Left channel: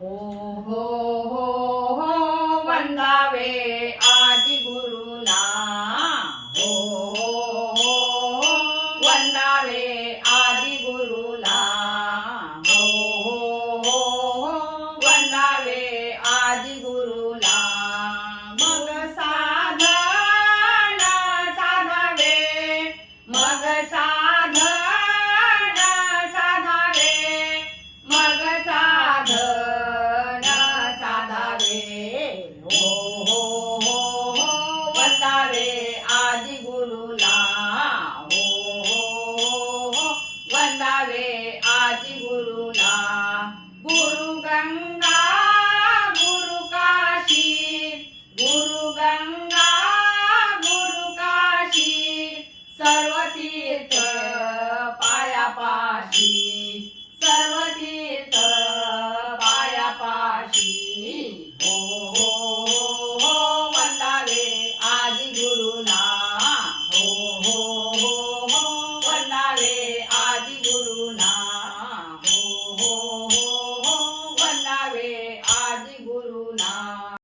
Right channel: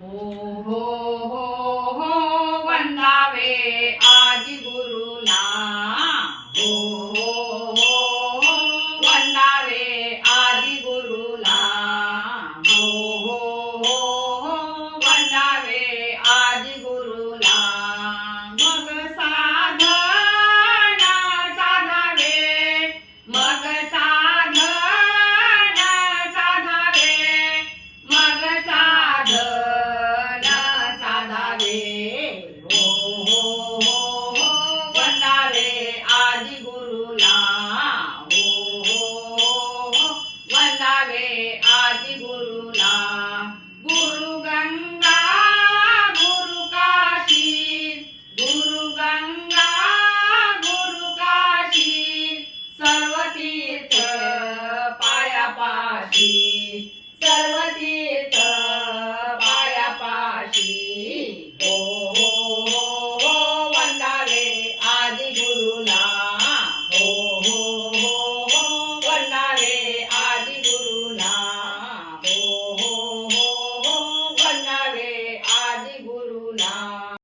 हो हो हो हो वंदावे आदि गुरुला हो हो हो हो वंदावे आदि गुरुला हो हो हो हो वंदावे आदि गुरुला मग साधन साधावे मग साधन साधावे मग साधन साधावे हो हो हो हो वंदावे आदि गुरुला हो हो हो हो वंदावे आदि गुरुला गुरु गंगा गुरु काशी गुरु गंगा गुरु काशी सर्व तीर्थ पायापाशी सर्व तीर्थ पायापाशी